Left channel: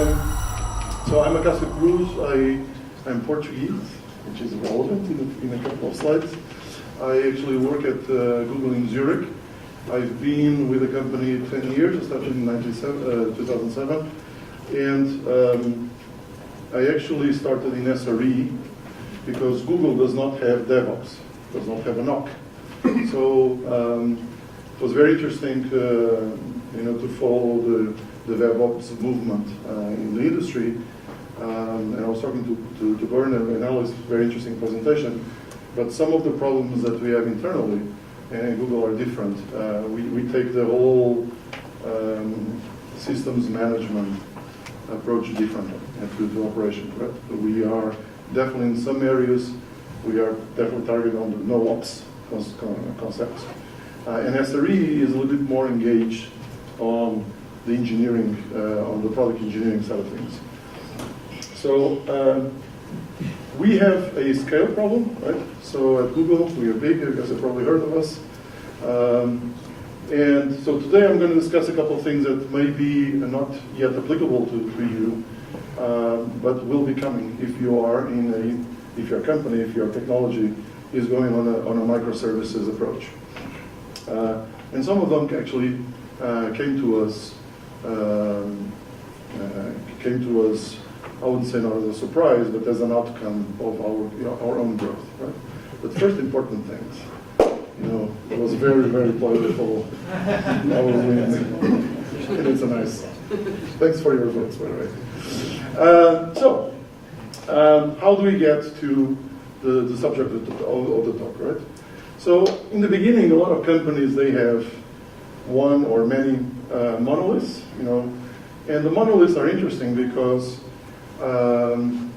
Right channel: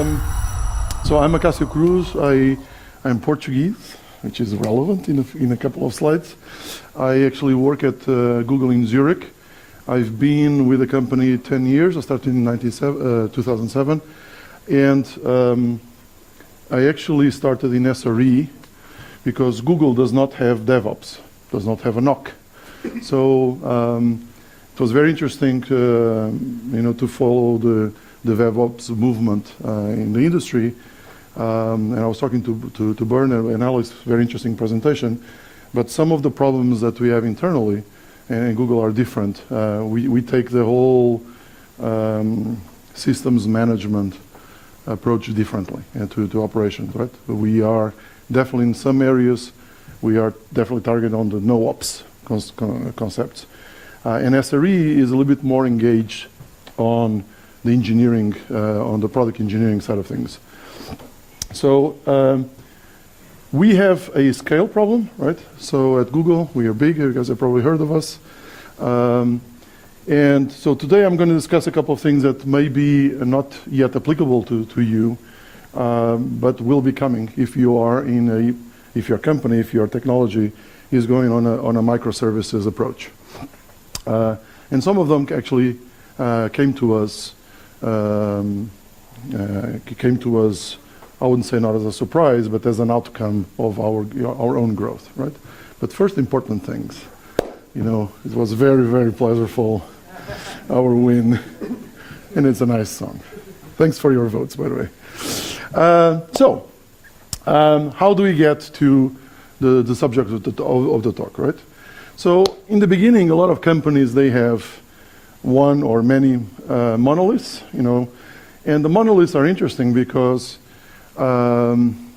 So I'm Acacio Cruz. I'm Portuguese, which is relevant in a couple of slides. I actually work at Google in Zurich. I've been with the company 10 years. I started in 2007. And I actually started in SRE because Google does not have DevOps, does not have a NOC. So it was very interesting to follow the DevOps movement in the industry. And I was talking to Bern and Alex, very interesting presentation. But some of the problems that we have internally in Google are different. We take the whole systems management approach differently to operations, right? So we are definitely in some areas, we are definitely targeted on the no-ops concepts. And SRE is a little bit more engaged on the engineering, on the product engineering side of things. So we have a scale problem, right? So at Google, we are big, you guys have probably heard of us. And so today I'm going to discuss a couple of things that may be not yet applicable to you, but will be coming if you are if your company, if your technology is going on a microservices approach. And some of them actually came to us, I wouldn't say not as a surprise, but as an outcome of our own growth, right? But first important things. It was very, very pleasurable, our win, and it's a nice song. Thanks for your votes, by the way. So, how do we get to the subject of the talk, right? So, in the beginning, a lot of companies, they have one or many monoliths, and the monoliths are interesting because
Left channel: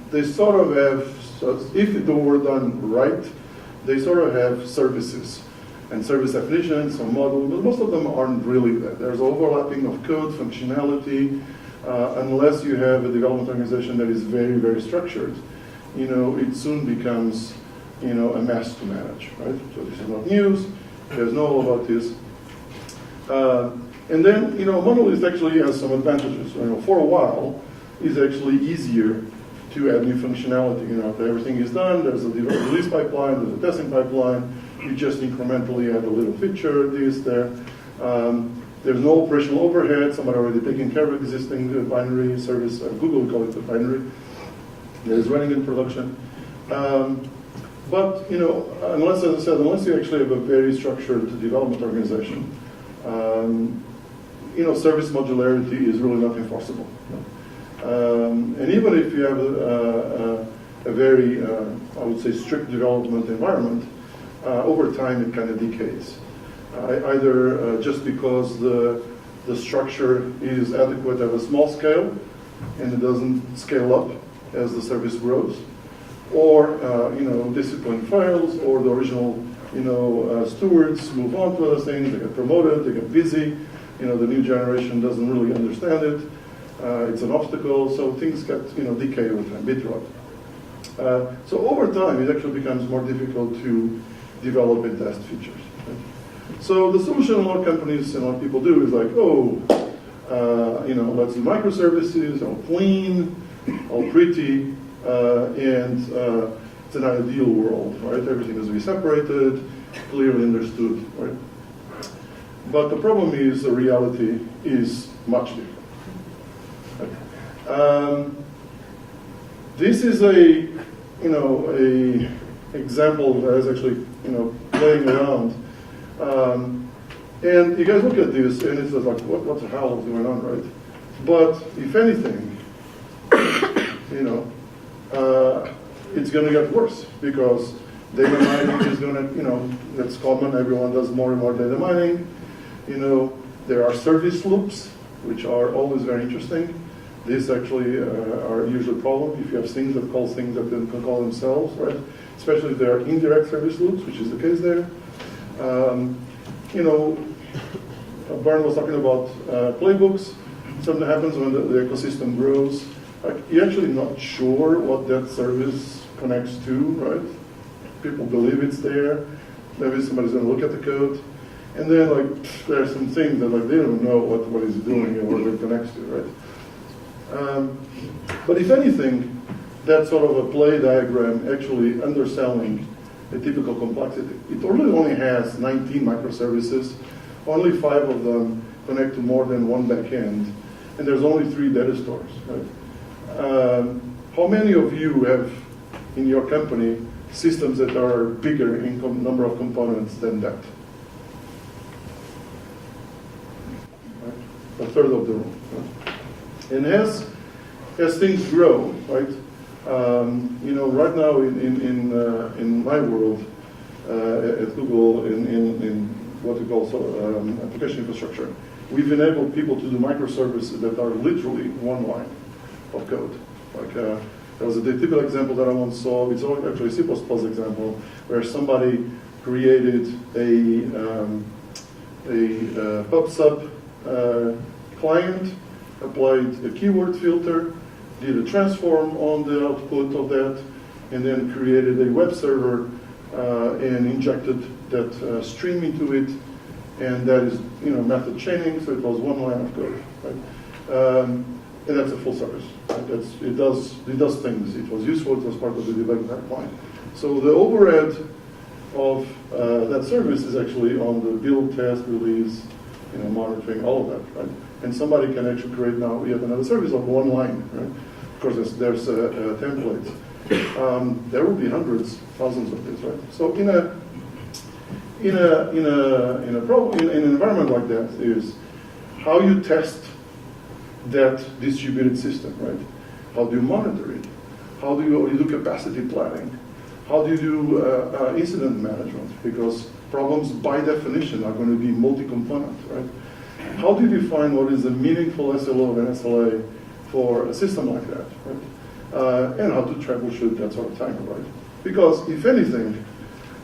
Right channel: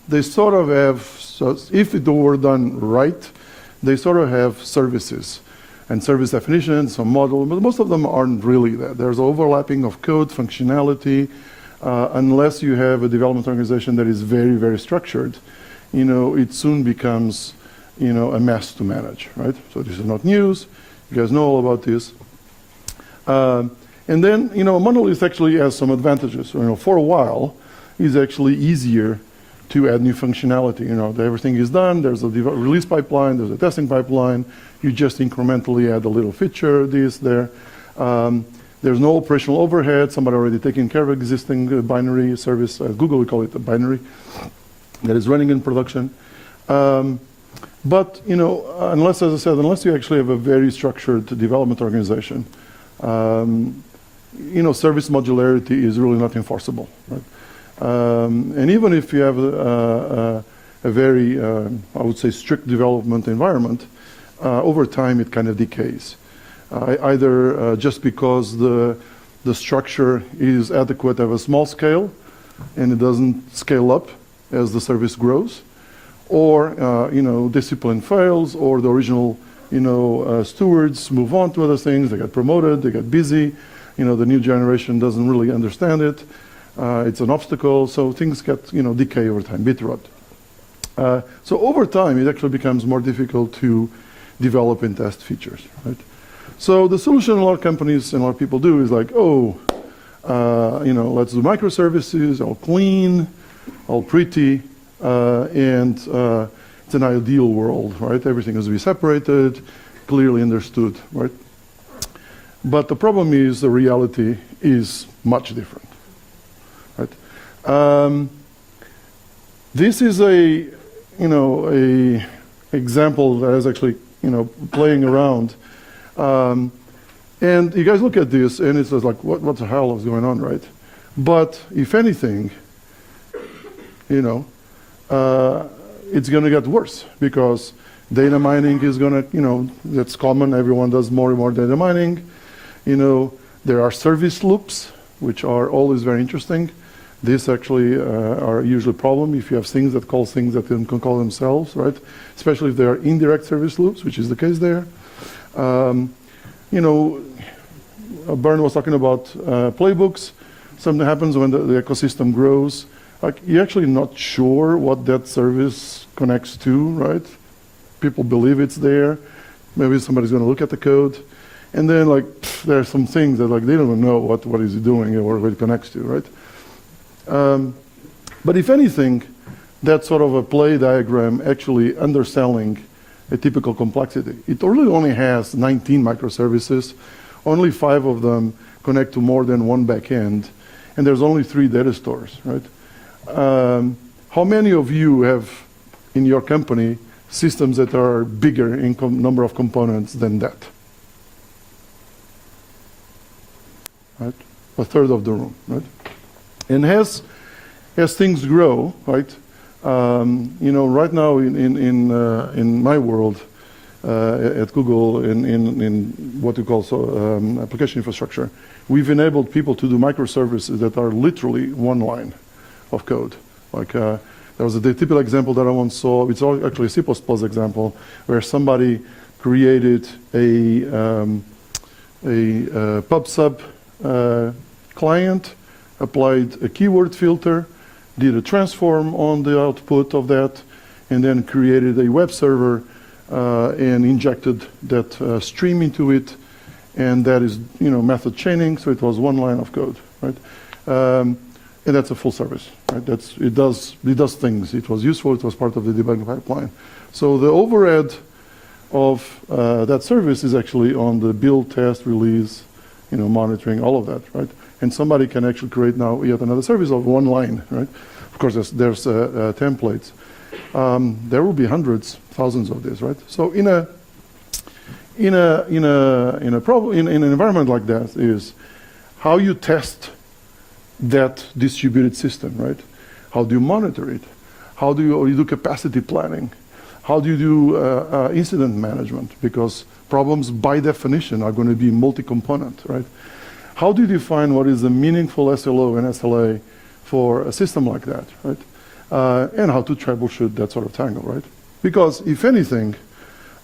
they sort of have, so if it were done right, they sort of have services and service definitions, some model, but most of them aren't really that. There's overlapping of code, functionality, unless you have a development organization that is very, very structured, it soon becomes, a mess to manage, right? So this is not news. You guys know all about this. And then, monolith actually has some advantages. For a while, it's actually easier to add new functionality. Everything is done. There's a release pipeline. There's a testing pipeline. You just incrementally add a little feature, this, there. There's no operational overhead. Somebody already taking care of existing binary service. Google, we call it a binary, that is running in production. But, unless, as I said, unless you actually have a very structured development organization, service modularity is really not enforceable, right? And even if you have a very, I would say, strict development environment, over time it kind of decays. Either just because the structure is adequate at a small scale and it doesn't scale up as the service grows, or discipline fails, or the original stewards move on to other things, they get promoted, they get busy, the new generation doesn't really understand it. It's an obstacle, so things get decay over time, bit rot. So over time, it actually becomes more difficult to develop and test features. Right? So the solution a lot of companies and a lot of people do is like, let's do microservices, all clean, all pretty, and it's an ideal world, right? Everything is to be separated, clearly understood, right? But the problem is the reality is much different. Right? This is a example that is actually playing around, and you guys look at this and it's just like what the hell is going on, right? But if anything, it's going to get worse because data mining is going to it's common. Everyone does more and more data mining. There are service loops, which are always very interesting. These actually are usually a problem if you have things that call things that can call themselves, right? Especially if they are indirect service loops, which is the case there. Bern was talking about playbooks. Something happens when the ecosystem grows. Like, you're actually not sure what that service connects to, right? People believe it's there. Maybe somebody's going to look at the code. And then, there are some things that, they don't know what is it doing or what it connects to, right? But if anything, that's sort of a play diagram actually underselling a typical complexity. It really only has 19 microservices. Only 5 of them connect to more than one backend, and there's only 3 data stores, right? How many of you have in your company systems that are bigger in number of components than that? Right? A third of the room, right? And as things grow, right? Right now in my world at Google in what we call application infrastructure, we've enabled people to do microservices that are literally one line of code. Like there was a typical example that I once saw. It's actually a C++ example where somebody created a pub/sub client, applied a keyword filter, did a transform on the output of that, and then created a web server and injected that stream into it, and that is method chaining, so it was one line of code, right? And that's a full service, right? It does things. It was useful. It was part of the debugging pipeline. So the overhead of that service is actually on the build, test, release, monitoring, all of that, right? And somebody can actually create now yet another service of one line, right? Of course, there's templates. There will be hundreds, thousands of these, right? So in an environment like that is how you test that distributed system, right? How do you monitor it? How do you do capacity planning? How do you do incident management? Because problems by definition are going to be multi-component, right? How do you define what is a meaningful SLO and SLA for a system like that, right? And how to troubleshoot that sort of tangle, right? Because if anything,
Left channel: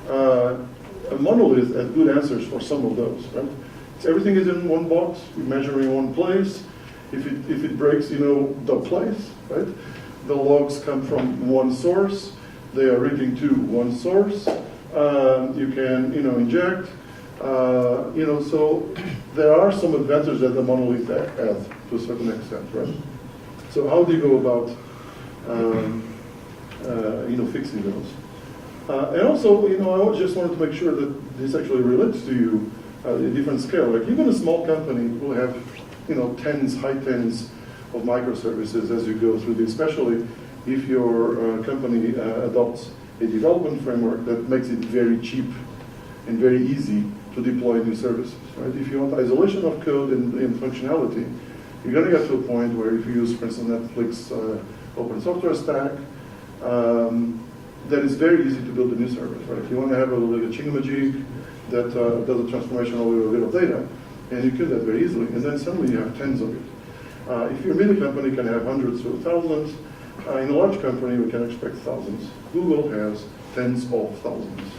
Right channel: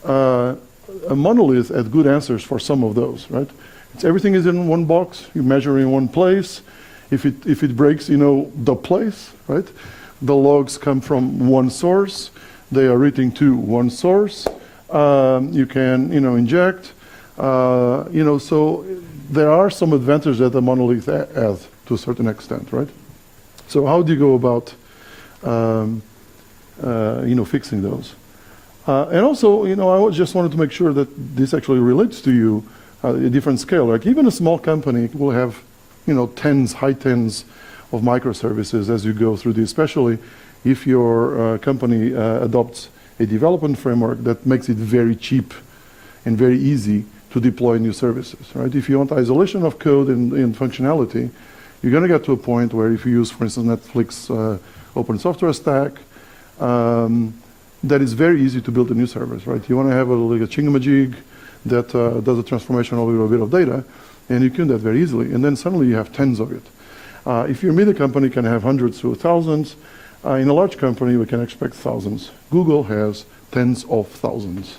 a monolith has good answers for some of those, right? Everything is in one box. You measure in one place. If it breaks, the place, right? The logs come from one source. They are written to one source. You can, inject. So there are some advantages that the monolith has to a certain extent, right? So how do you go about, fixing those? And also, I just wanted to make sure that this actually relates to you at a different scale. Like even a small company will have, high tens of microservices as you go through this, especially if your company adopts a development framework that makes it very cheap and very easy to deploy new services, right? If you want isolation of code and functionality, you're going to get to a point where if you use, for instance, Netflix open software stack, that is very easy to build a new service, right? You want to have a chingamajig that does a transformation of a bit of data, and you can do that very easily, and then suddenly you have tens of it. If you're a media company, you can have hundreds to thousands. In a large company, we can expect thousands. Google has tens of thousands,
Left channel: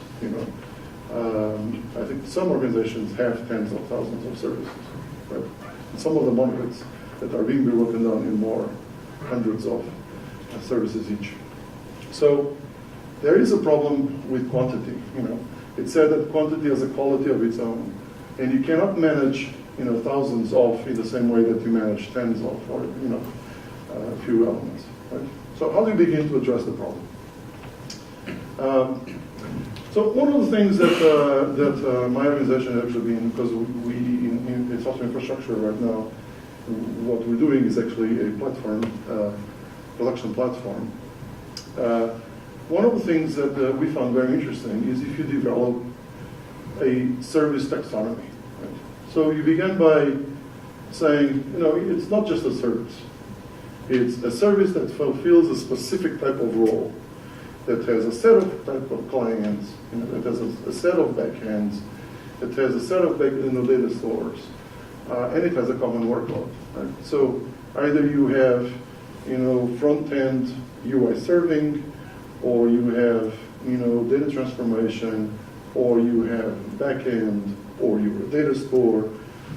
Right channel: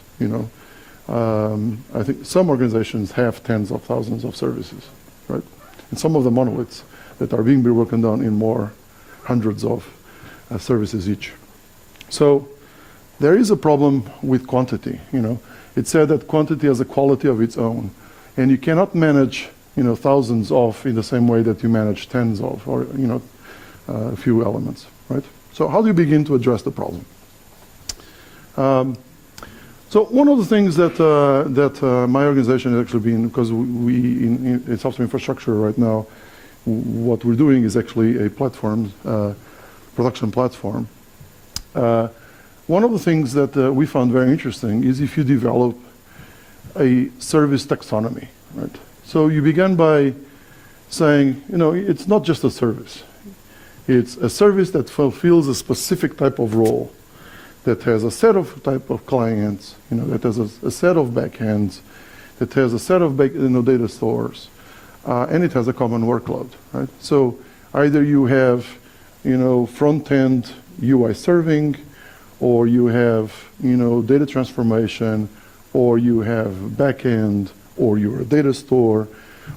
I think some organizations have tens of thousands of services, right? And some of the monoliths that are being broken down in more hundreds of services each. So there is a problem with quantity, It's said that quantity has a quality of its own, and you cannot manage, thousands of in the same way that you manage tens of, or, a few elements, right? So how do you begin to address the problem? So one of the things that my organization has actually been, because we in software infrastructure right now, what we're doing is actually a platform, production platform. One of the things that we found very interesting is if you develop a service taxonomy, right? So you begin by saying, it's not just a service. It's a service that fulfills a specific type of role, that has a set of type of clients, that has a set of backends, that has a set of data stores, and it has a common workload, right? So either you have, front-end UI serving, or you have, data transformation, or you have backend, or you're a data store,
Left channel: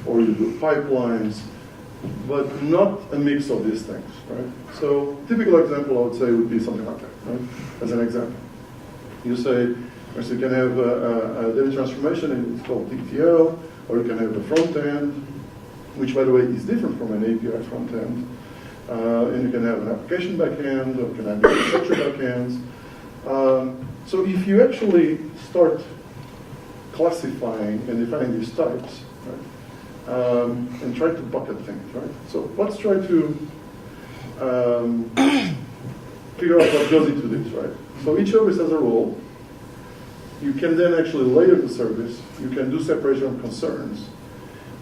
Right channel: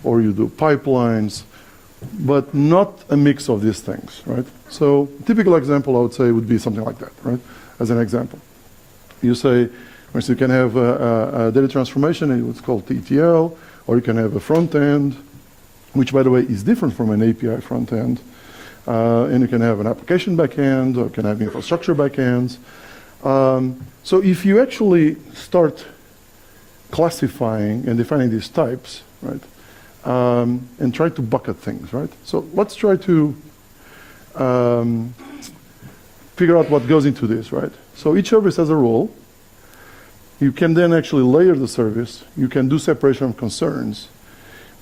or you do pipelines, but not a mix of these things, right? So typical example I would say would be something like that, right? As an example. You say, for instance, you can have a data transformation, and it's called ETL, or you can have a front end, which by the way is different from an API front end. And you can have an application backend, or you can have infrastructure backends. So if you actually start classifying and defining these types, right, and try to bucket things, right? So let's try to figure out what goes into this, right? So each service has a role. You can then actually layer the service. You can do separation of concerns.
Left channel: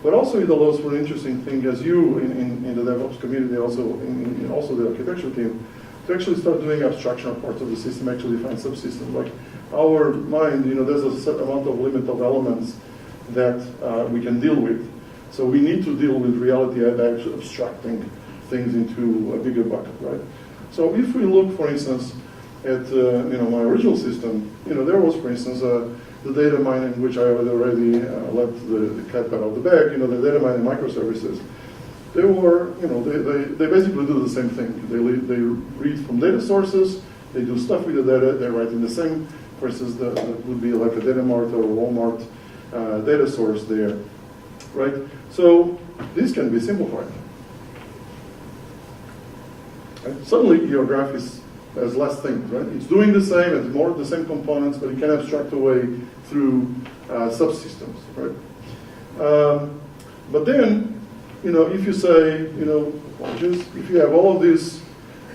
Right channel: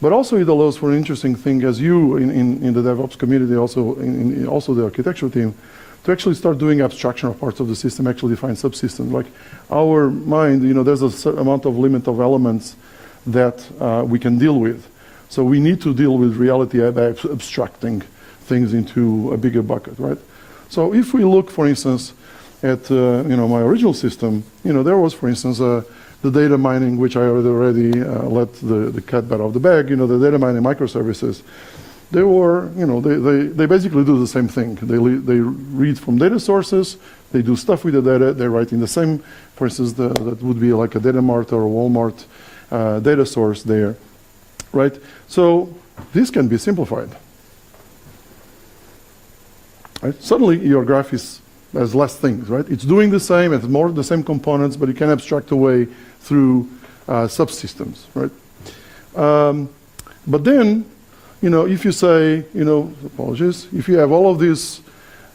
But also it allows for an interesting thing as you in the DevOps community, also in also the architecture team, to actually start doing abstraction of parts of the system, actually define subsystems. Like our mind, there's a certain amount of limit of elements that we can deal with. So we need to deal with reality by abstracting things into a bigger bucket, right? So if we look, for instance, at my original system, there was, for instance, the data mining, which I already let the cat out of the bag. The data mining microservices. They were, they basically do the same thing. They read from data sources. They do stuff with the data. They write in the same, for instance, that would be like a Dynamac or a Walmart data source there, right? So this can be simplified. Right? Suddenly your graph has less things, right? It's doing the same, it's more the same components, but it can abstract away through subsystems, right? But then, if you say, apologies, if you have all of these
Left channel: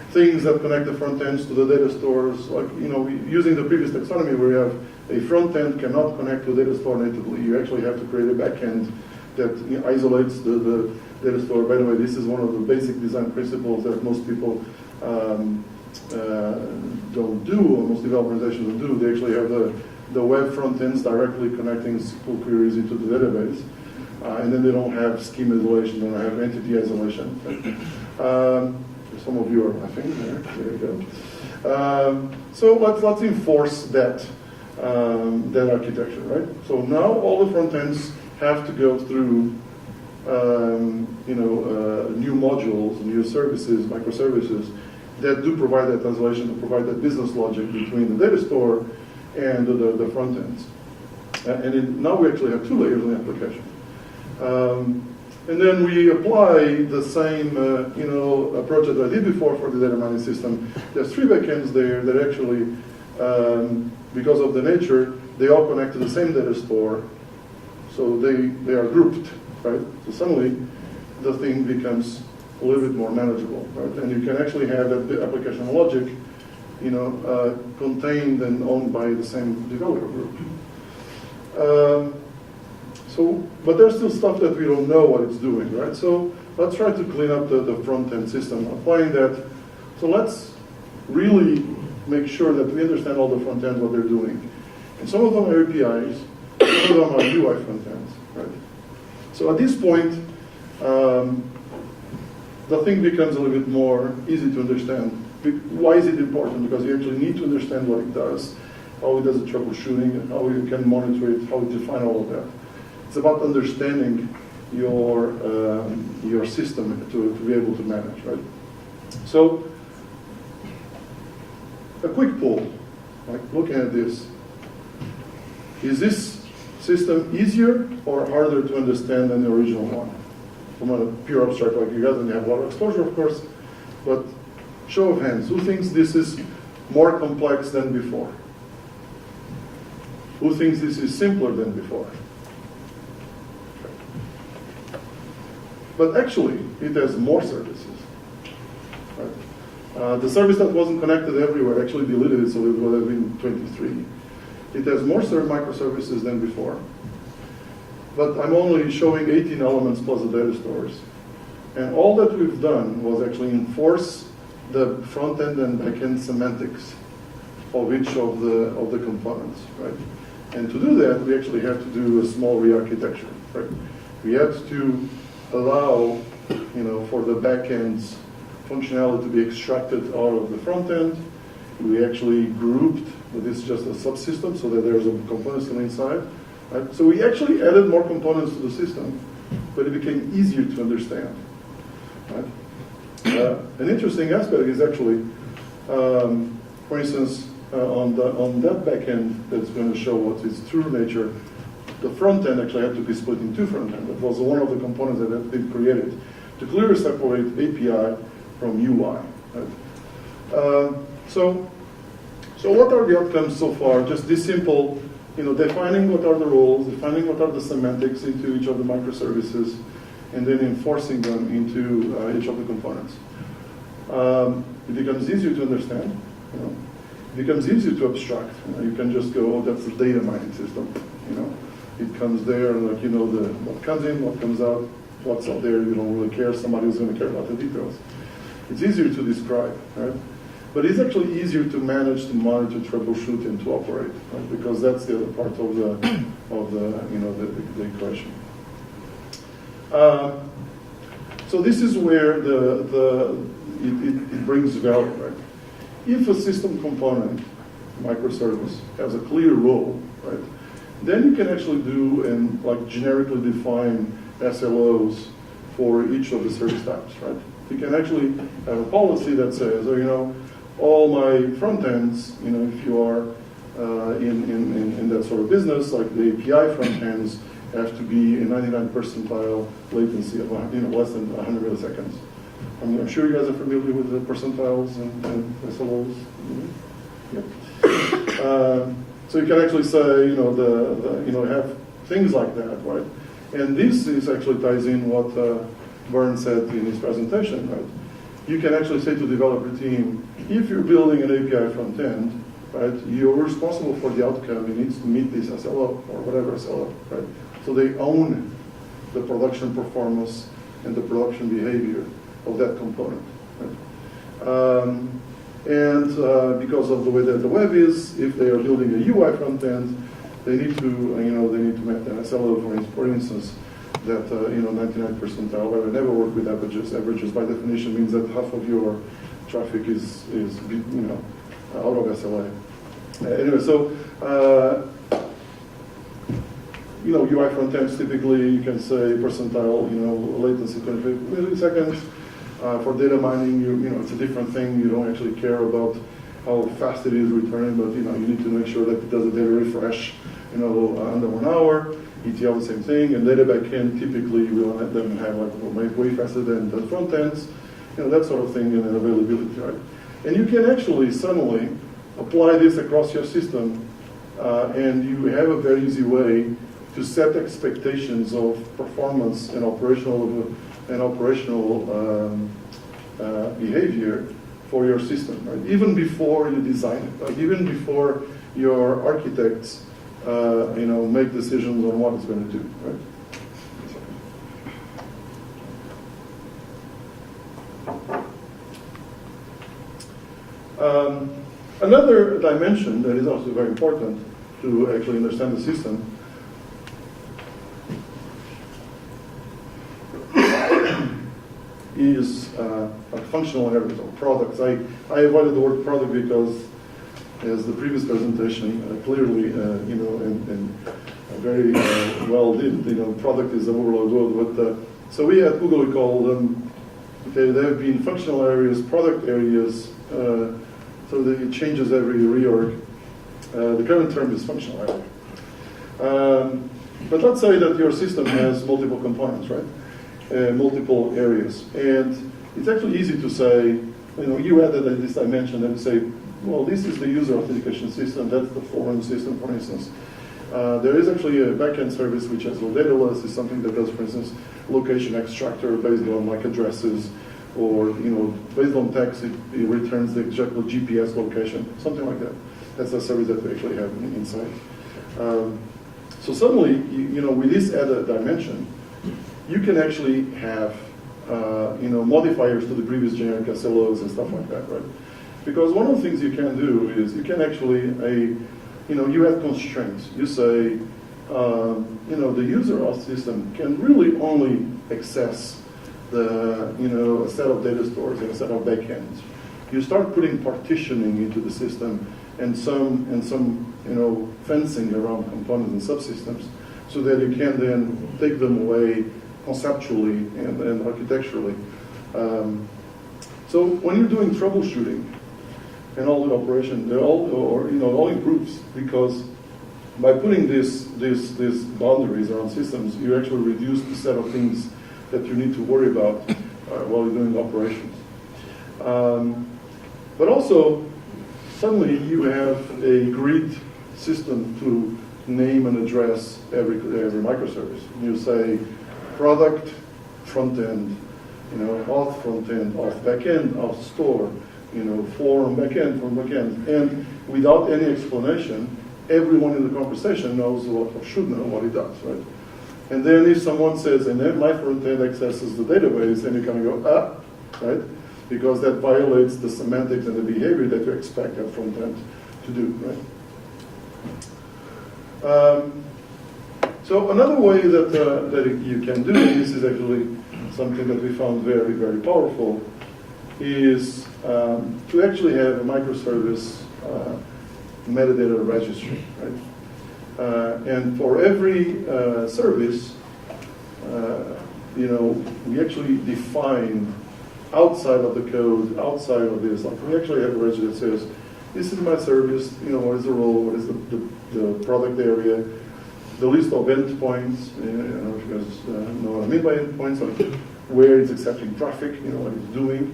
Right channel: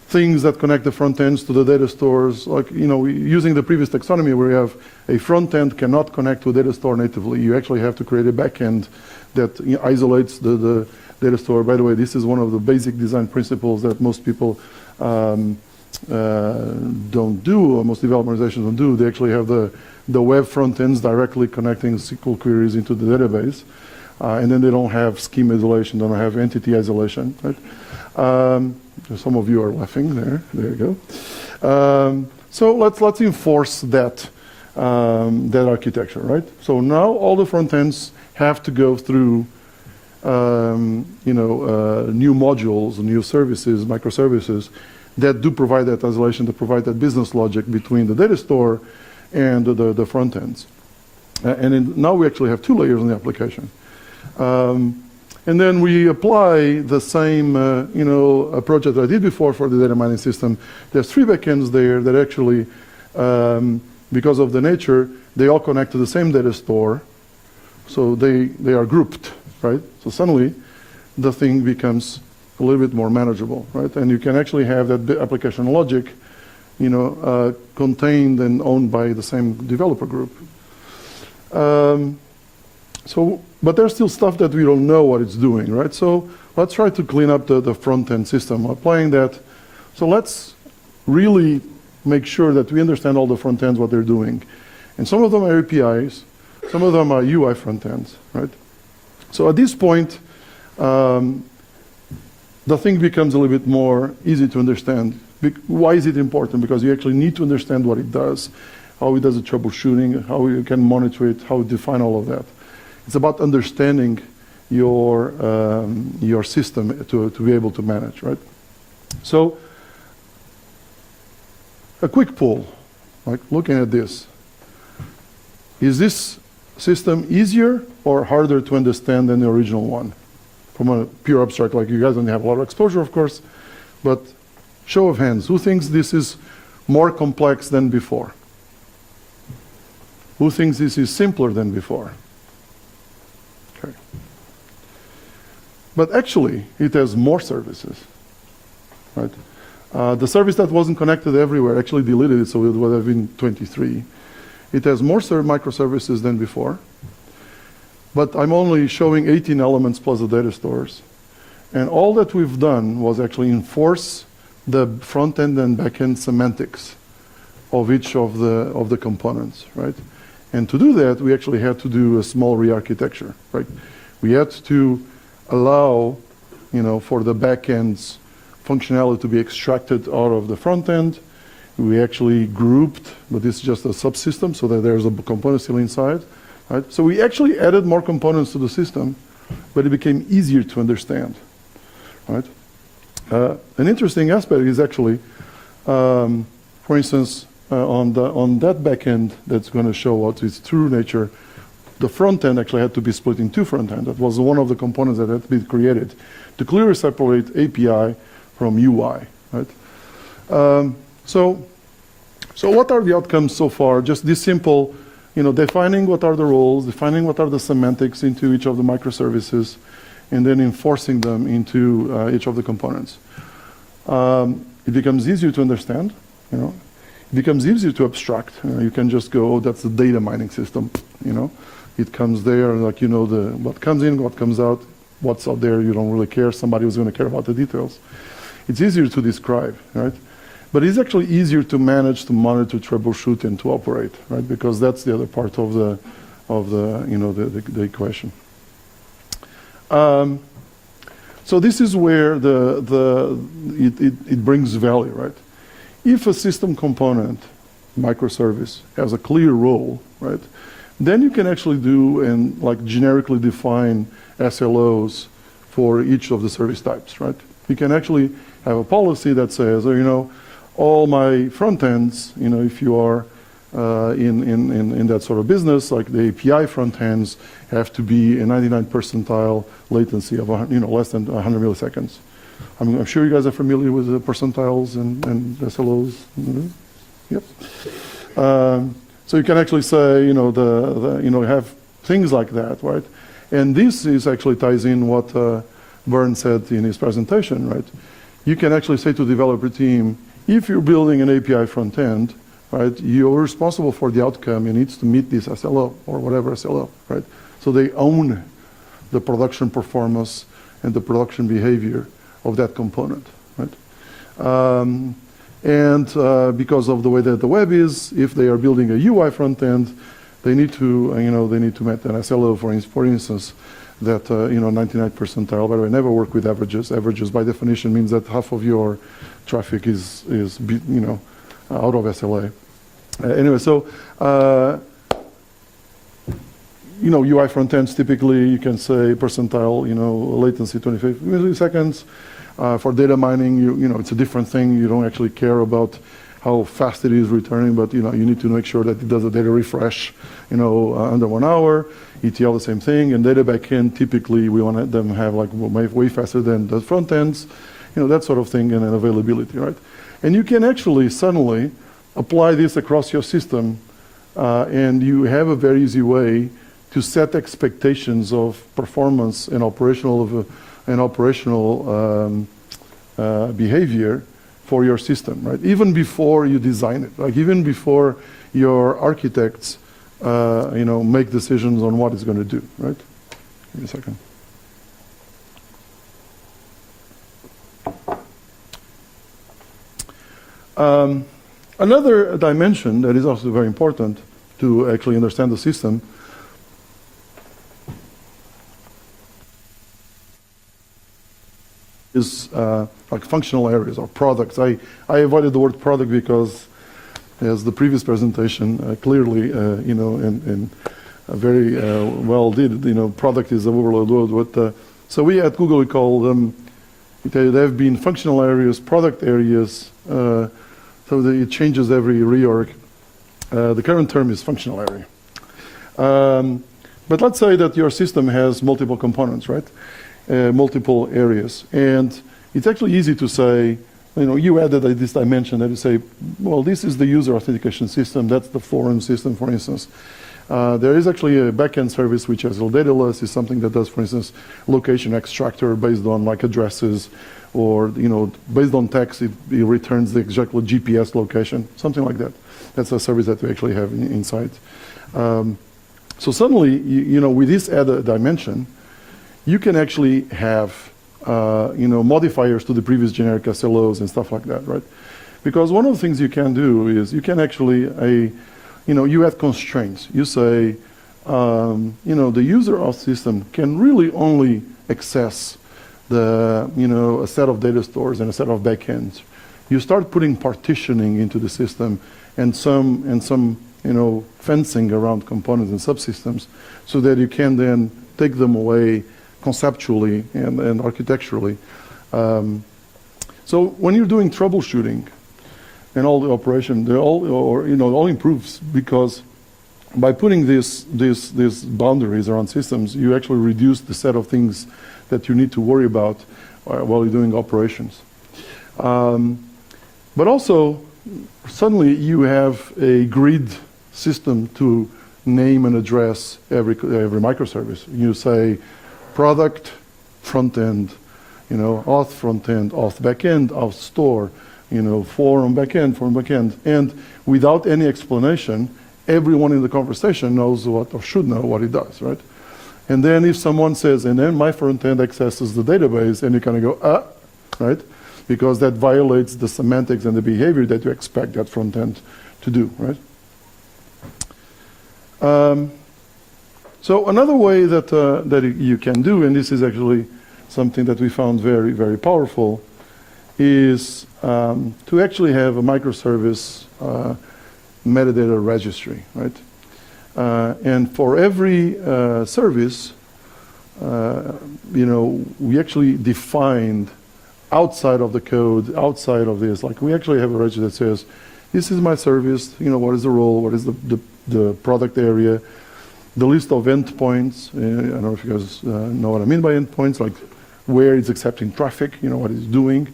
things that connect the front ends to the data stores, like, using the previous taxonomy where you have a front end cannot connect to a data store natively, you actually have to create a back end that isolates the data store. By the way, this is one of the basic design principles that most people don't do, or most developer organizations don't do. They actually have the web front ends directly connecting SQL queries into the database, and then they don't have schema isolation, they don't have entity isolation. Right? Some of you are laughing there. There you go. So let's enforce that architecture, right? So now all the front ends have to go through new modules, new services, microservices that do provide that translation, that provide that business logic between the data store and the front ends. Now we actually have 2 layers in the application. And then we apply the same approach that I did before for the data mining system. There's 3 backends there that actually, because of the nature, they all connect to the same data store. So they are grouped, right? So suddenly the thing becomes a little bit more manageable, right? And you can actually have that application logic, contained and owned by the same developer group. But there's still stuff that we don't know what it's doing, right? So let's try to clean up the front-end system, applying that. So let's really make sure that we understand all the front ends, what they're doing. And some of them are APIs, some of them are UI front ends, right? So at this point, the thing becomes a little bit more easy to understand. Why is it important? Because you actually need to understand what it does, how it does the troubleshooting, how you can monitor it, how you define all of that. It's about understanding your system to be able to manage, right? So a quick poll, like looking at this. Is this system easier or harder to understand than the original one? From a pure abstract, like you guys don't have a lot of exposure, of course, but show of hands, who thinks this is more complex than before? Who thinks this is simpler than before? Okay. But actually, it has more services, right? The service that wasn't connected everywhere actually deleted it, so it would have been 23. It has more microservices than before. But I'm only showing 18 elements plus the data stores. And all that we've done was actually enforce the front-end and back-end semantics of each of the components, right? And to do that, we actually had to do a small re-architecture, right? We had to allow, for the back-end's functionality to be extracted out of the front-end. We actually grouped, but this is just a subsystem, so that there's a component still inside. Right? So we actually added more components to the system, but it became easier to understand. Right? An interesting aspect is actually, for instance, on that backend that's going to show what its true nature, the front end actually had to be split in 2 front end. That was one of the components that had been created to clearly separate API from UI, right? So what are the outcomes so far? Just this simple, defining what are the roles, defining what are the semantics into each of the microservices, and then enforcing them into each of the components. It becomes easier to understand, It becomes easier to abstract. You can just go, oh, that's a data mining system, It comes there, like, what comes in, what comes out, what's out there, you don't really care. Somebody who's going to care about the details. It's easier to describe, right? But it's actually easier to manage, to monitor, troubleshoot, and to operate, right? Because that's the other part of the equation. So this is where it brings value, right? If a system component, microservice, has a clear role, right? Then you can actually do and like generically define SLOs for each of the service types, right? You can actually have a policy that says, all my front ends, if you are in that sort of business, like the API front ends have to be a 99th percentile latency of less than 100 milliseconds. I'm sure you guys are familiar with the percentiles and SLOs. Mm-hmm. Yep. So you can actually say, have things like that, right? And this is actually ties in what Vern said in his presentation, right? You can actually say to the developer team, if you're building an API front end, right, you're responsible for the outcome. It needs to meet this SLO or whatever SLO, right? So they own the production performance and the production behavior of that component, right? Because of the way that the web is, if they are building a UI front end, they need to, they need to make an SLO, for instance, that 99th percentile. But I never work with averages. Averages, by definition, means that half of your traffic is out of SLA. Anyway, so UI front ends typically you can say percentile, latency 25 milliseconds. For data mining, it's a different thing. You don't actually care about how fast it is returning, but you need to make sure that it does a data refresh, under 1 hour. ETL the same thing, and data backend typically we want them to have like way faster than the front ends, that sort of thing, and availability, right? And you can actually suddenly apply this across your system, and you have a very easy way to set expectations of performance and operational behavior for your system, right? Even before you design it, like even before your architects, make decisions on what it's going to do, right? Give me a second. Another dimension that is also very important to actually understand the system is like functional areas or products. I avoided the word product because, as the previous presentation clearly, and very well did, product is the overload word. But, so we at Google, we call them, they have been functional areas, product areas, so it changes every reorg. The current term is functional area. But let's say that your system has multiple components, right? Multiple areas. And it's actually easy to say, you added this dimension and you say, well, this is the user authentication system, that's the forum system, for instance. There is actually a backend service which has a dataless, is something that does, for instance, location extractor based on like addresses, or based on text, it returns the exact GPS location, something like that. That's a service that we actually have inside. So suddenly, with this added dimension, you can actually have modifiers to the previous generic SLOs and stuff like that, right? Because one of the things you can do is you can actually, you have constraints. You say, the user of system can really only access a set of data stores and a set of backends. You start putting partitioning into the system and some fencing around components and subsystems so that you can then take them away conceptually and architecturally. So when you're doing troubleshooting and all the operation, it all improves, because by putting these boundaries around systems, you actually reduce the set of things that you need to worry about while you're doing operations. But also, suddenly you have a grid system to name and address every microservice. You say product front end, auth front end, auth back end, auth store, form back end, and without any explanation, everyone in the conversation knows what, or should know what it does, right? And then if someone says, and then my front end accesses the database, and you kind of go, right? Because that violates the semantics and the behavior that you expect that front end to do, right? So another way that, that you can do, and this is actually something that we found very, very powerful, is to actually have a microservice metadata registry, right? And for every service, we actually defined outside of the code, outside of this, like we actually have a registry that says, this is my service, what is the role, what is the product area, the list of endpoints, I don't know if you guys know what I mean by endpoints, like where it's accepting traffic, what it's doing,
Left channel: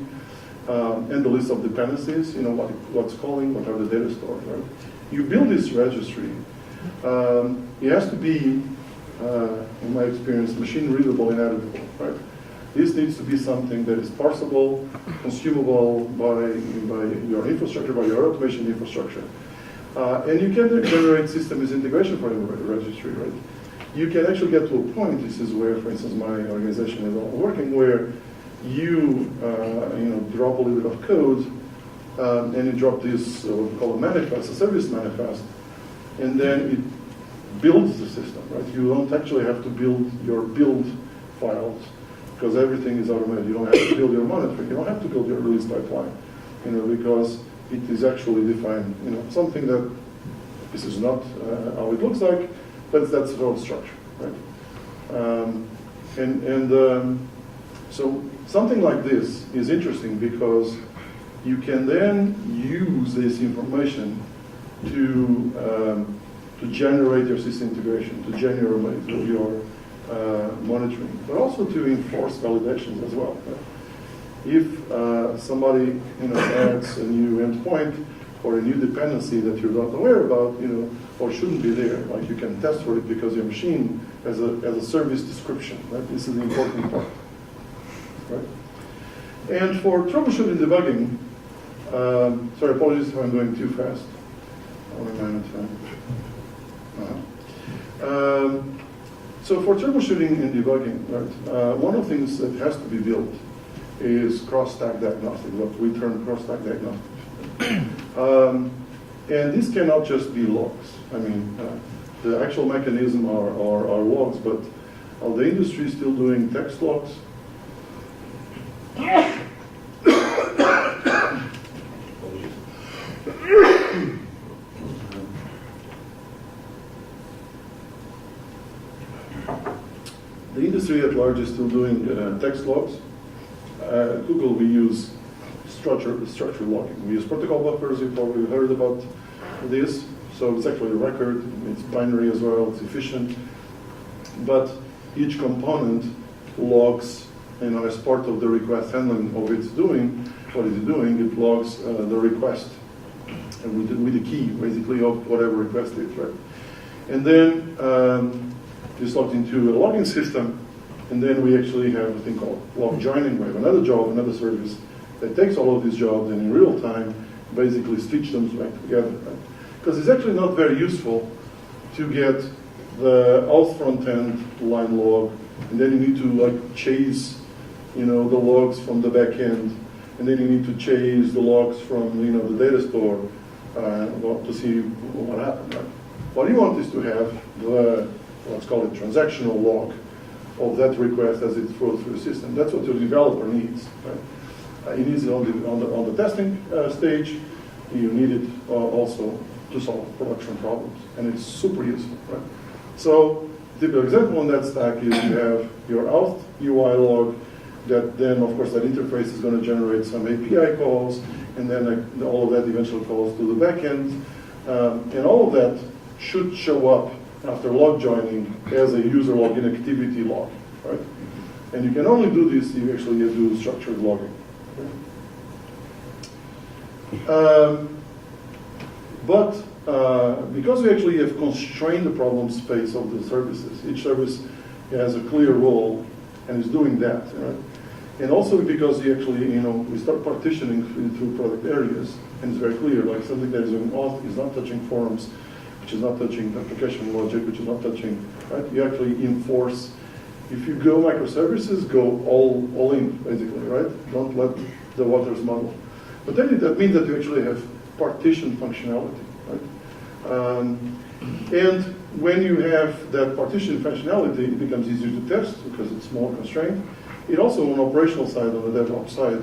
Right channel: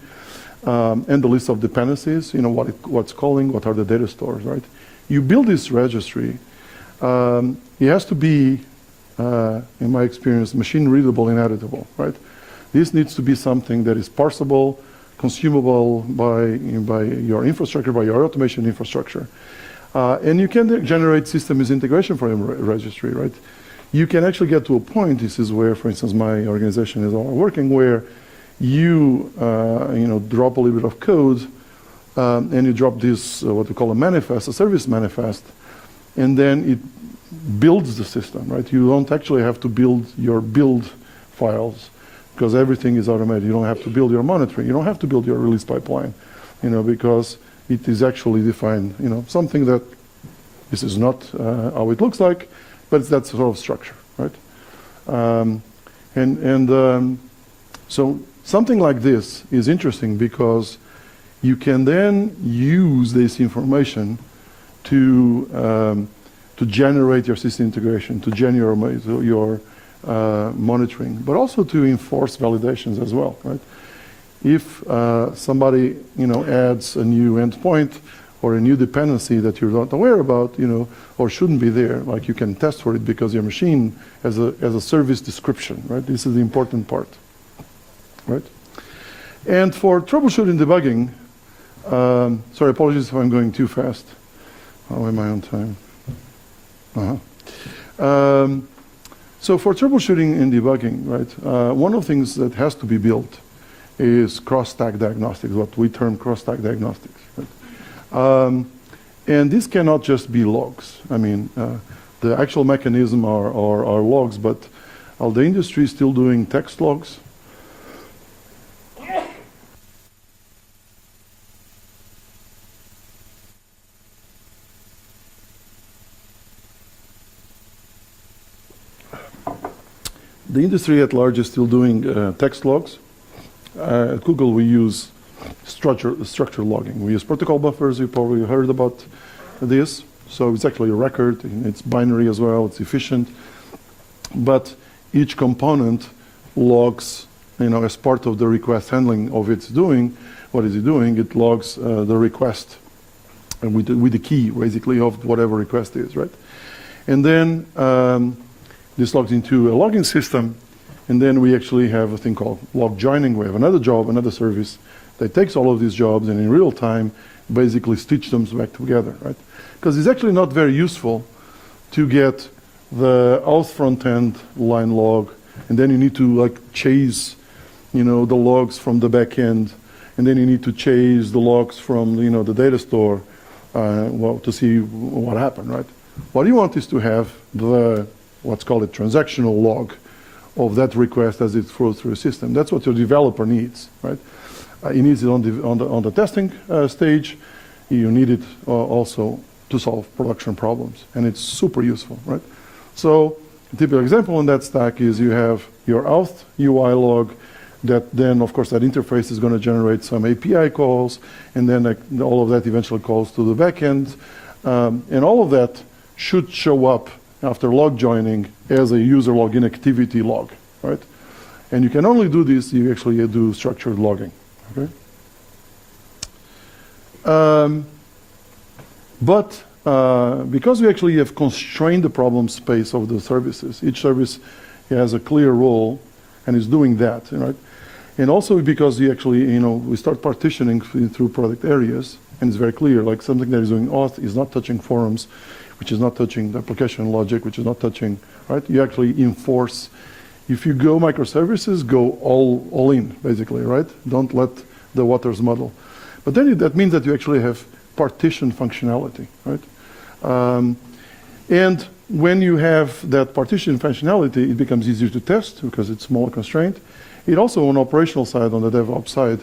and the list of dependencies, what's calling, what are the data stores, right? You build this registry, it has to be, in my experience, machine readable and editable, right? This needs to be something that is parsable, consumable by your infrastructure, by your automation infrastructure. And you can generate systems integration for a registry, right? You can actually get to a point, this is where, for instance, my organization is all working, where you, drop a little bit of code, and you drop this, what we call a manifest, a service manifest, and then it builds the system, right? You don't actually have to build your build files, because everything is automated. You don't have to build your monitoring. You don't have to build your release pipeline, because it is actually defined, something that this is not how it looks like, but it's that sort of structure, right? So something like this is interesting because you can then use this information to generate your system integration, to generate your monitoring, but also to enforce validations as well, right? If somebody adds a new endpoint or a new dependency that you're not aware about, or shouldn't be there, like you can test for it because your machine has a service description, right? This is the important part, right? And for troubleshooting debugging, sorry, apologies if I'm going too fast. How am I on time? So for troubleshooting and debugging, right, one of the things that has to be built is cross-stack diagnostics, what we term cross-stack diagnostics. And this cannot just be logs. I mean, the actual mechanism are logs, but the industry is still doing text logs. The industry at large is still doing text logs. At Google, we use structure logging. We use protocol buffers. You probably heard about this. So it's actually a record. It's binary as well. It's efficient. But each component logs, as part of the request handling of its doing. What is it doing? It logs the request and with the key, basically, of whatever request is, right? And then this logs into a logging system, and then we actually have a thing called log joining. We have another job, another service that takes all of these jobs and in real time basically stitch them back together, right? Because it's actually not very useful to get the auth front end line log, and then you need to chase, the logs from the back end, and then you need to chase the logs from the data store, to see what happened, right? What you want is to have the what's called a transactional log of that request as it flows through a system. That's what your developer needs, right? He needs it on the testing stage. You need it also to solve production problems, and it's super useful, right? So a typical example in that stack is you have your auth UI log that then, of course, that interface is going to generate some API calls, and then all of that eventually calls to the backend, and all of that should show up after log joining as a user login activity log, right? And you can only do this if you actually do structured logging, okay? But because we actually have constrained the problem space of the services, each service has a clear role and is doing that, right? And also because we actually, we start partitioning through product areas, and it's very clear, like something that is doing auth is not touching forums, which is not touching the application logic, which is not touching, right? You actually enforce, if you go microservices, go all in, basically, right? Don't let the waters muddle. But then that means that you actually have partition functionality, right? And when you have that partition functionality, it becomes easier to test because it's more constrained. It also, on the operational side, on the DevOps side,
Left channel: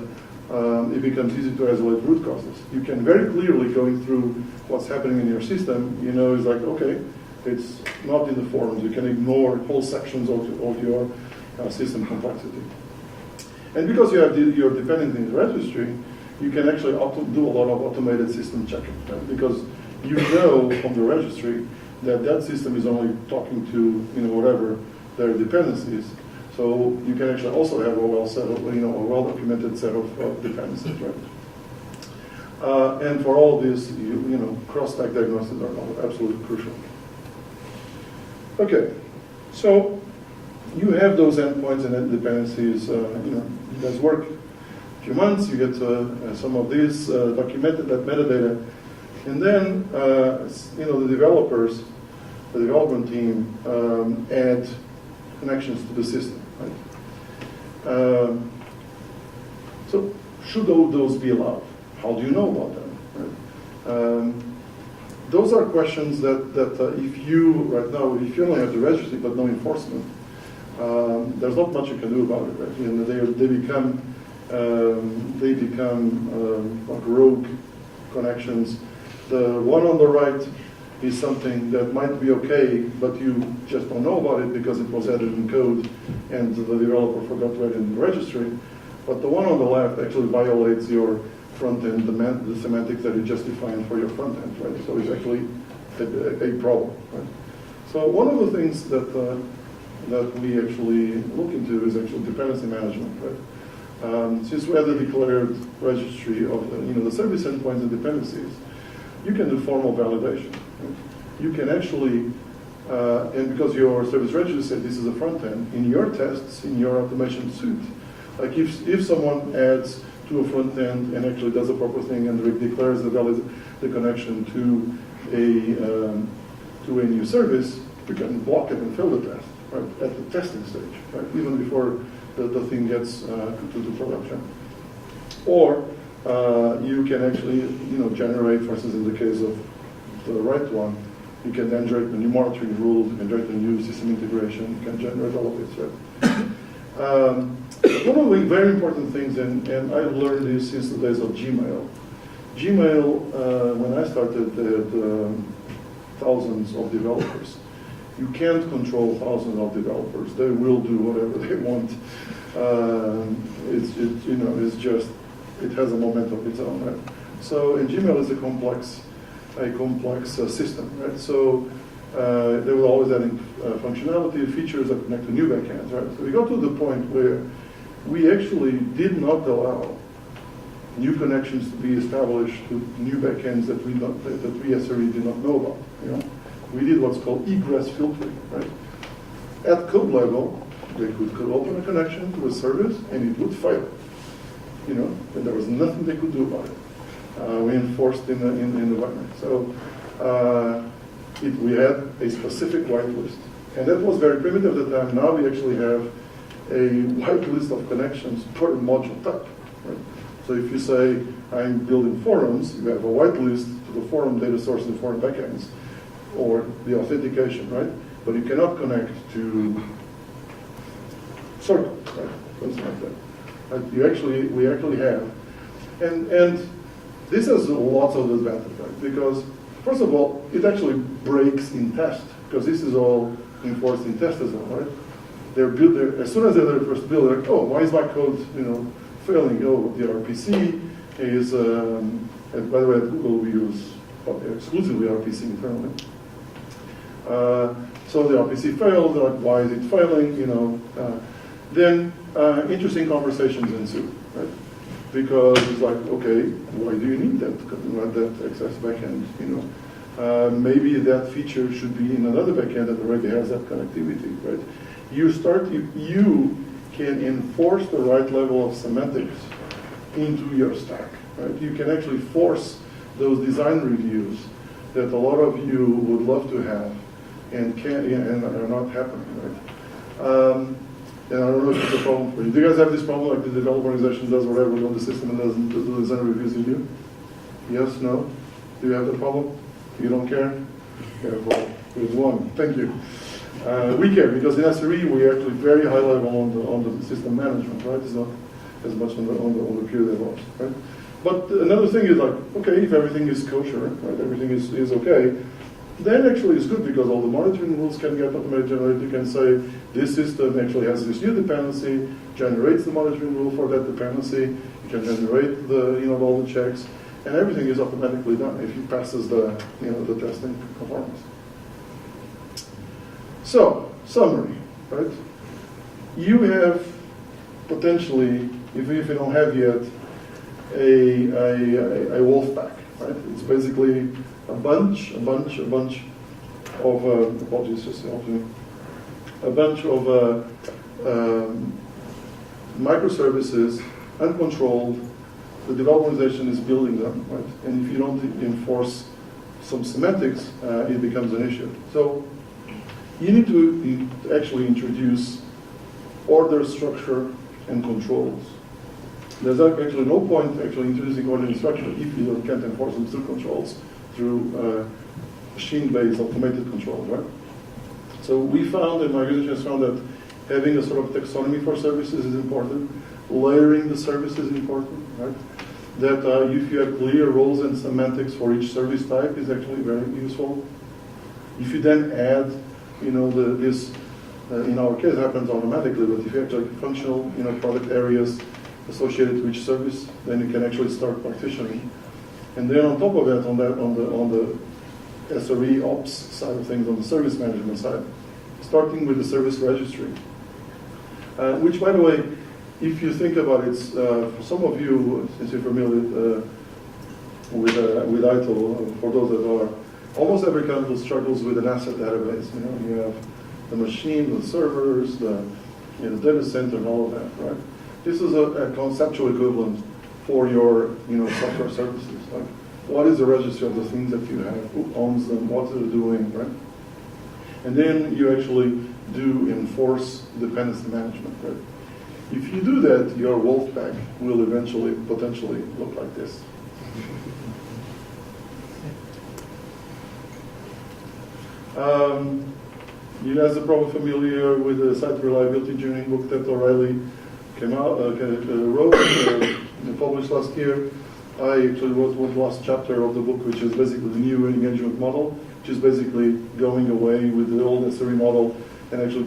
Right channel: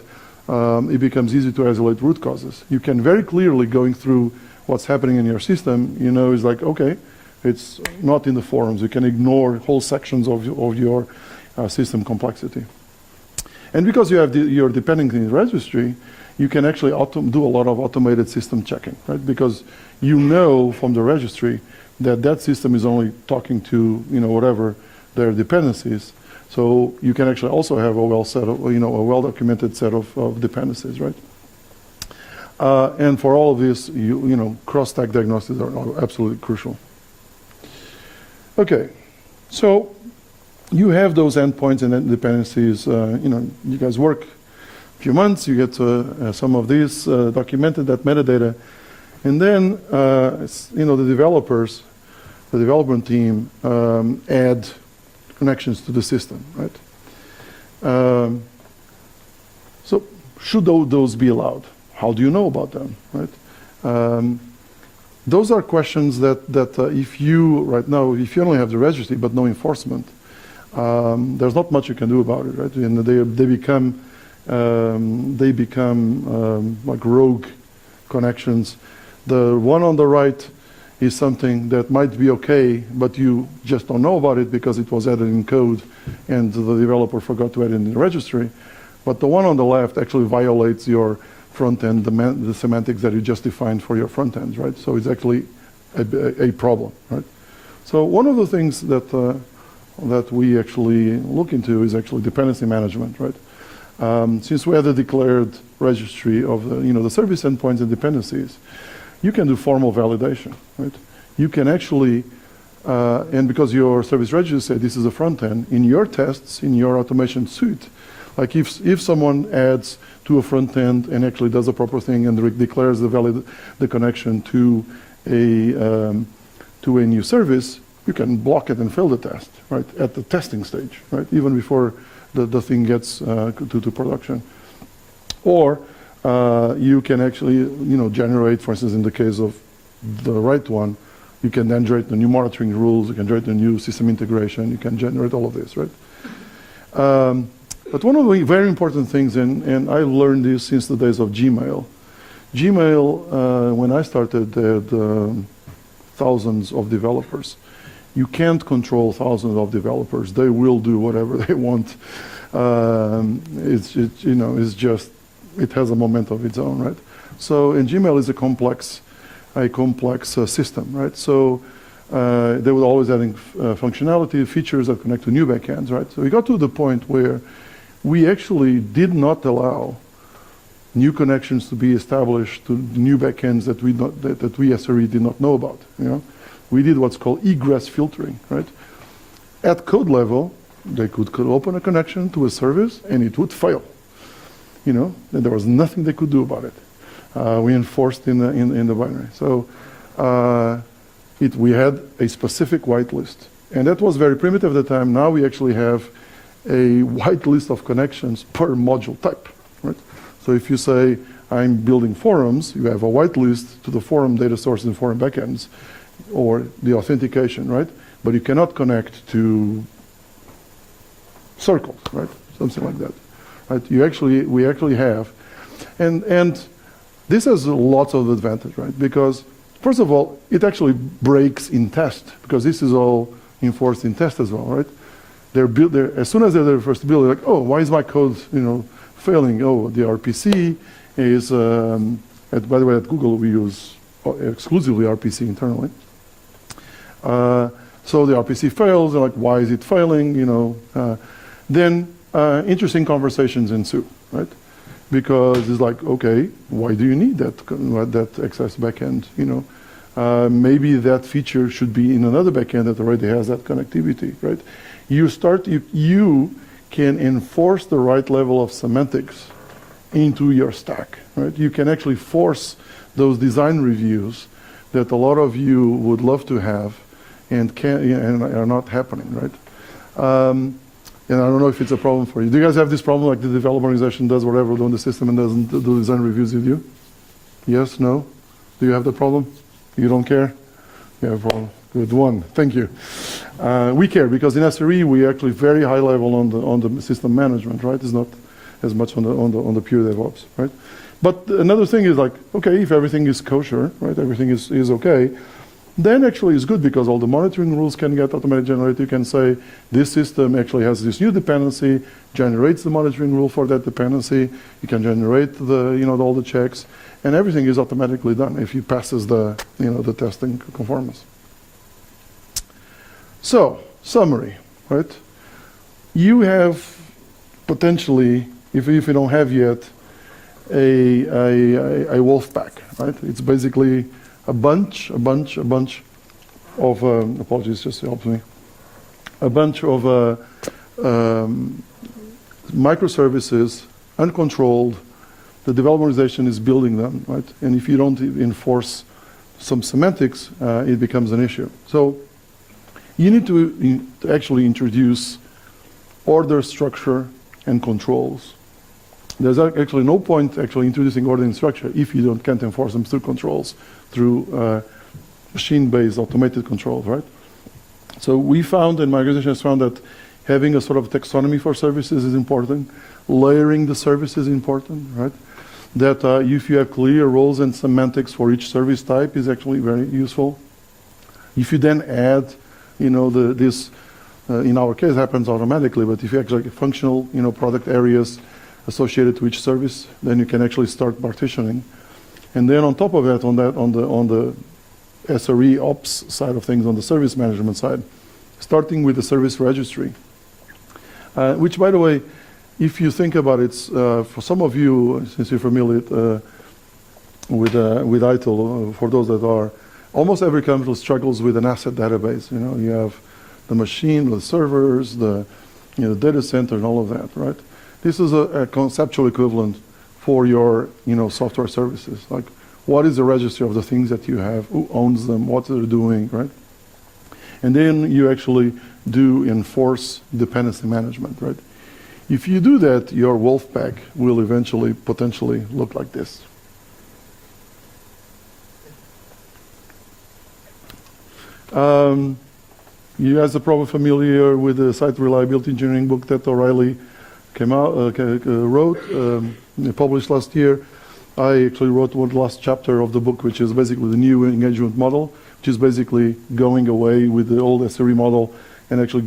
it becomes easy to isolate root causes. You can very clearly, going through what's happening in your system, it's like, okay, it's not in the forums. You can ignore whole sections of your system complexity. And because you have your dependencies registry, you can actually do a lot of automated system checking, right? Because you know from the registry that that system is only talking to, whatever their dependencies. So you can actually also have a well-documented set of dependencies, right? And for all of this, cross-stack diagnostics are absolutely crucial. Okay, so you have those endpoints and dependencies. You guys work a few months, you get some of these documented, that metadata, and then the developers, the development team add connections to the system, right? So should those be allowed? How do you know about them, right? Those are questions that if you, right now, if you only have the registry but no enforcement, there's not much you can do about it, right? And they become like rogue connections. The one on the right is something that might be okay, but you just don't know about it because it was added in code and the developer forgot to add it in the registry. But the one on the left actually violates your front end, the semantics that you just defined for your front end, right? So it's actually a problem, right? So one of the things that we actually look into is actually dependency management, right? Since we had a declared registry of the service endpoints and dependencies, you can do formal validation, right? You can actually, and because your service registry said this is a front end, in your tests, in your automation suite, like if someone adds to a front end and actually does the proper thing and declares the connection to a new service, you can block it and fail the test, right? At the testing stage, right? Even before the thing gets to production. Or you can actually, generate, for instance, in the case of the right one, you can then generate the new monitoring rules, you can generate the new system integration, you can generate all of this, right? But one of the very important things, and I learned this since the days of Gmail. Gmail, when I started, had thousands of developers. You can't control thousands of developers. They will do whatever they want. It's just, it has a moment of its own, right? So, and Gmail is a complex system, right? So they were always adding functionality, features that connect to new backends, right? So we got to the point where we actually did not allow new connections to be established to new backends that we SRE did not know about. We did what's called egress filtering, right? At code level, they could open a connection to a service and it would fail. And there was nothing they could do about it. We enforced in the binary. So we had a specific whitelist, and that was very primitive at the time. Now we actually have a whitelist of connections per module type, right? So if you say I'm building forums, you have a whitelist to the forum data source and forum backends, or the authentication, right? But you cannot connect to circles, right? Something like that. Right? We actually have, and this has lots of advantage, right? Because first of all, it actually breaks in test, because this is all enforced in test as well, right? As soon as they're first build, they're like, oh, why is my code, failing? Oh, the RPC is. By the way, at Google we use exclusively RPC internally. So the RPC fails. They're like, why is it failing? Then interesting conversations ensue, right? because it's like, okay, why do you need that access backend? Maybe that feature should be in another backend that already has that connectivity, right? You can enforce the right level of semantics into your stack, right? You can actually force those design reviews that a lot of you would love to have and are not happening, right? And I don't know if it's a problem for you. Do you guys have this problem, like the developer organization does whatever on the system and doesn't do design reviews with you? Yes, no? Do you have the problem? You don't care? You have a problem with one. Thank you. We care because in SRE we are actually very high level on the system management, right? It's not as much on the pure DevOps, right? But another thing is like, okay, if everything is kosher, right? Everything is okay. Then actually it's good because all the monitoring rules can get automatically generated. You can say this system actually has this new dependency, generates the monitoring rule for that dependency. You can generate all the checks, and everything is automatically done if it passes the testing conformance. So summary, right? You have potentially, if you don't have yet, a wolf pack, right? It's basically a bunch of, apologies, just help me, a bunch of microservices, uncontrolled. The developer organization is building them, right? And if you don't enforce some semantics, it becomes an issue. So you need to actually introduce order, structure, and controls. There's actually no point actually introducing order and structure if you can't enforce them through controls, through machine-based automated controls, right? So we found, and my organization has found, that having a sort of taxonomy for services is important. Layering the services is important, right? That if you have clear roles and semantics for each service type is actually very useful. If you then add, this, in our case, happens automatically, but if you actually have functional, product areas associated to each service, then you can actually start partitioning. And then on top of that, on the SRE ops side of things, on the service management side, starting with the service registry, which, by the way, if you think about it, for some of you, since you're familiar with ITIL, for those that are, almost every company struggles with an asset database. You have the machine, the servers, the data center, and all of that, right? This is a conceptual equivalent for your software services. Like, what is the registry of the things that you have? Who owns them? What they're doing, right? And then you actually do enforce dependency management, right? If you do that, your wolf pack will eventually, potentially look like this. You guys are probably familiar with the site reliability engineering book that O'Reilly wrote, published last year. I actually wrote one last chapter of the book, which is basically the new engagement model, which is basically going away with the old SRE model and actually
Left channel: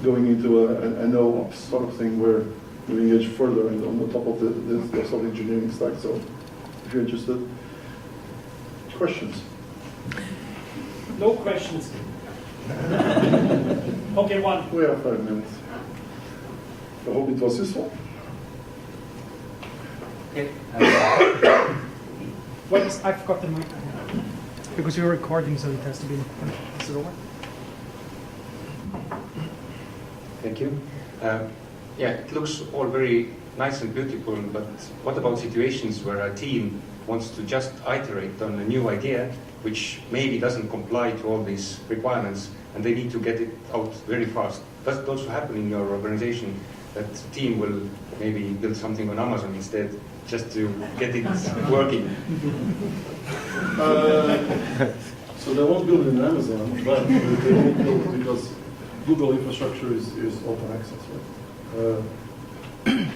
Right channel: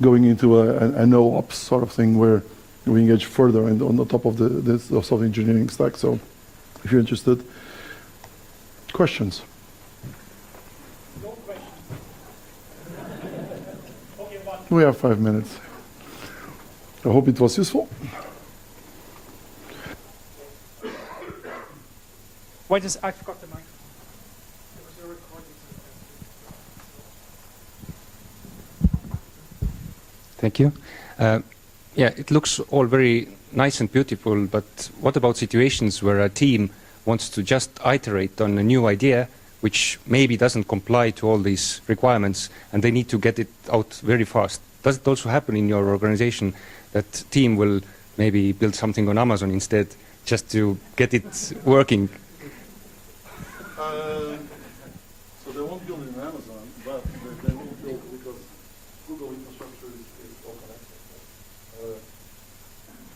going into a no-ops sort of thing where we engage further and on the top of the software engineering stack. So if you're interested. Questions? No questions. Okay, one. We have 5 minutes. I hope it was useful. Okay. Wait, I forgot the mic. Because you're recording, so it has to be. Is it over? Thank you. Yeah, it looks all very nice and beautiful, but what about situations where a team wants to just iterate on a new idea, which maybe doesn't comply to all these requirements, and they need to get it out very fast? Does it also happen in your organization that team will maybe build something on Amazon instead, just to get it working? So they won't build it in Amazon, but they won't build it because Google infrastructure is open access. Right?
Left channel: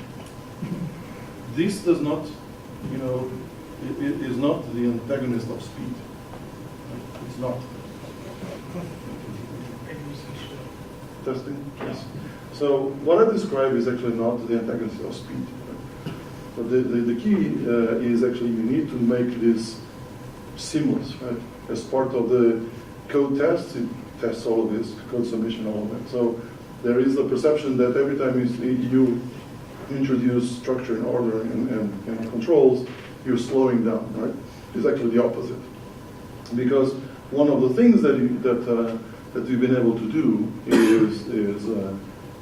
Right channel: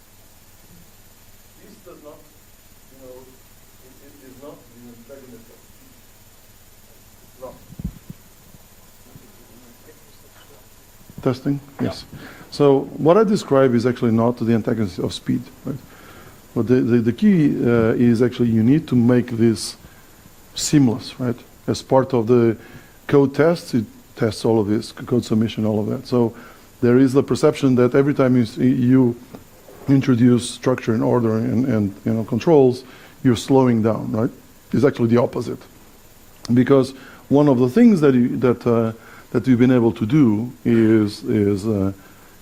This does not, it is not the antagonist of speed. It's not. Testing? Yes. So what I describe is actually not the antagonist of speed. Right? But the key is actually you need to make this seamless, right? As part of the code tests, it tests all of this, code submission, all of that. So there is the perception that every time you introduce structure and order and controls, you're slowing down, right? It's actually the opposite. Because one of the things that we've been able to do is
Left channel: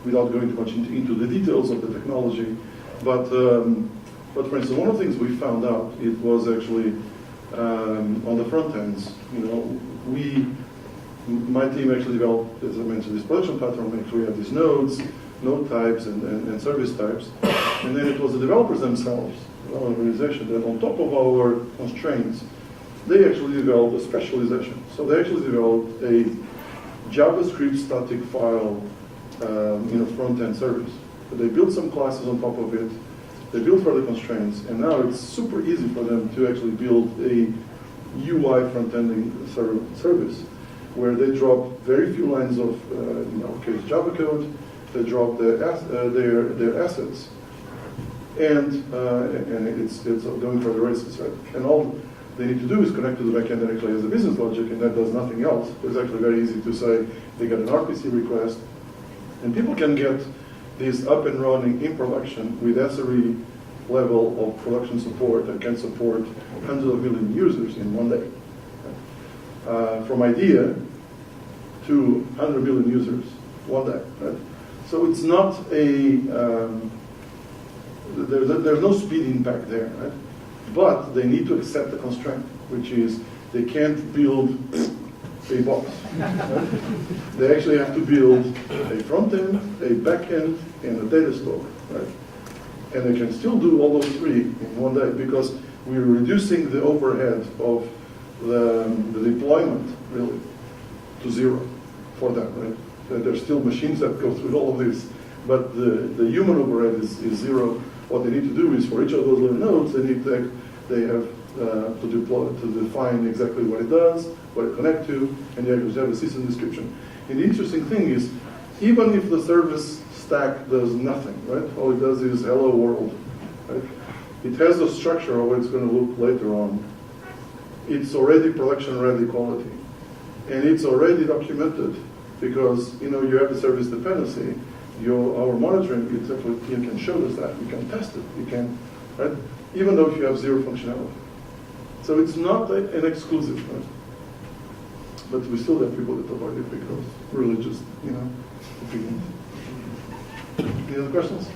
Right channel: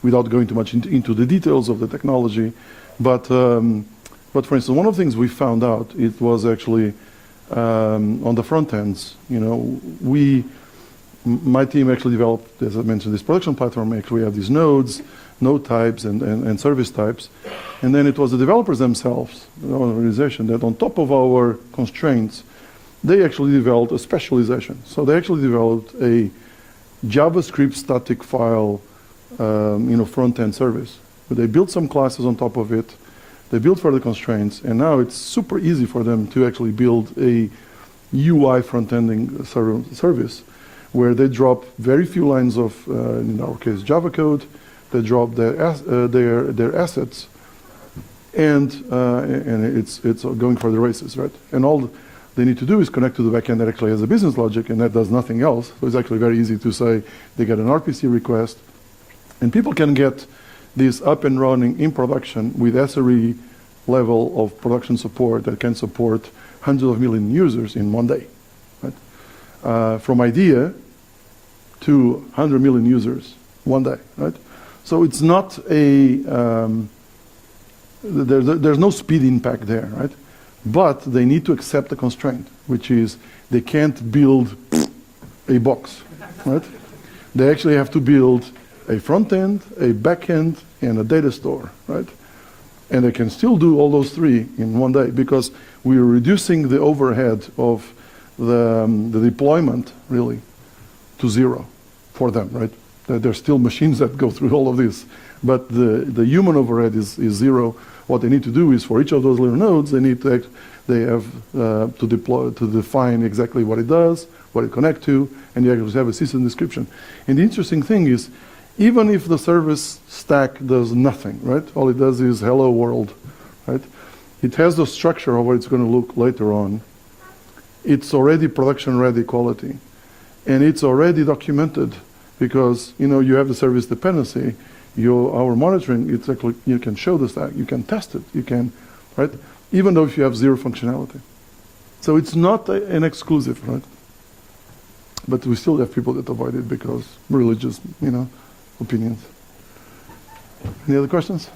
without going too much into the details of the technology, but for instance, one of the things we found out, it was actually on the front ends, my team actually developed, as I mentioned, this production platform. Actually had these nodes, node types and service types. And then it was the developers themselves, our organization, that on top of our constraints, they actually developed a specialization. So they actually developed a JavaScript static file front-end service. But they built some classes on top of it. They built for the constraints, and now it's super easy for them to actually build a UI front-ending service where they drop very few lines of, in our case, Java code. They drop their assets, and it's going for the races, right? And all they need to do is connect to the backend that actually has a business logic, and that does nothing else. So it's actually very easy to say they get an RPC request, and people can get this up and running in production with SRE level of production support that can support hundreds of million users in one day. Right? From idea to 100 million users one day. Right? So it's not there's no speed impact there, right? But they need to accept the constraint, which is they can't build a box, right? They actually have to build a front end, a back end, and a data store, right? And they can still do all those three in one day because we're reducing the overhead of the deployment really to zero for them, right? There's still machines that go through all of this, but the human overhead is zero. What they need to do is for each of those little nodes, they have to deploy, to define exactly what it does, what it connects to, and you actually have a system description. And the interesting thing is, even if the service stack does nothing, right? All it does is hello world, right? It has the structure of what it's going to look later on. It's already production ready quality, and it's already documented because you have the service dependency. Our monitoring, it's actually, you can show the stack, you can test it, you can, right? Even though if you have zero functionality. So it's not an exclusive, right? But we still have people that avoid it because religious, opinions. Any other questions?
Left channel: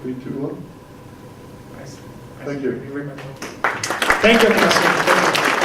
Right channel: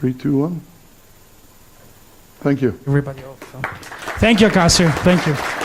Three, two, one. Thank you. Everybody else. Thank you, Acacio. Thank you.